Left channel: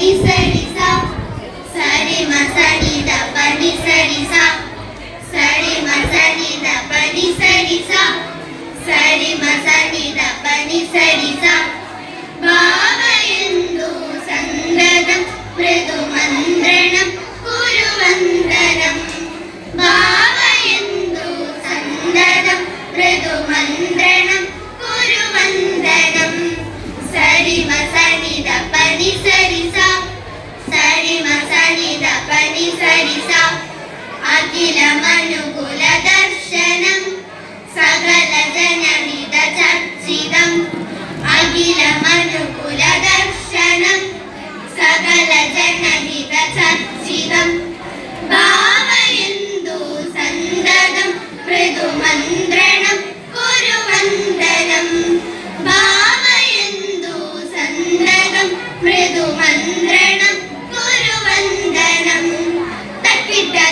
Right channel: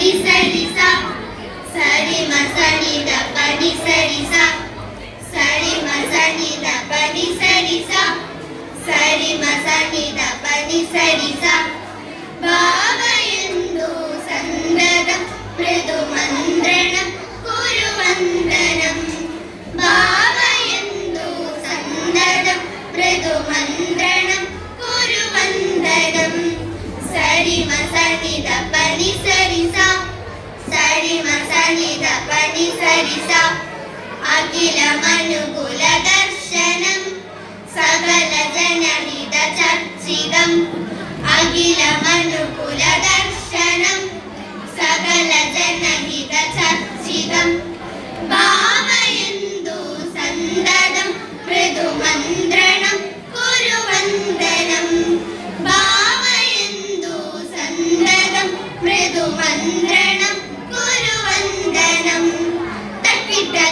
Sari Masani da, Sari Sam Sari Masani Dapani Sari Sam ഗണിത പരിസരിസ അഖിലമനുകുല ദർശനം സകല ജനഹിത ചർച്ചിതം അഖിലമനുകുല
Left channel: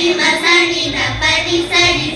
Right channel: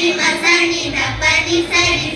नी मसानी दा पदी सरी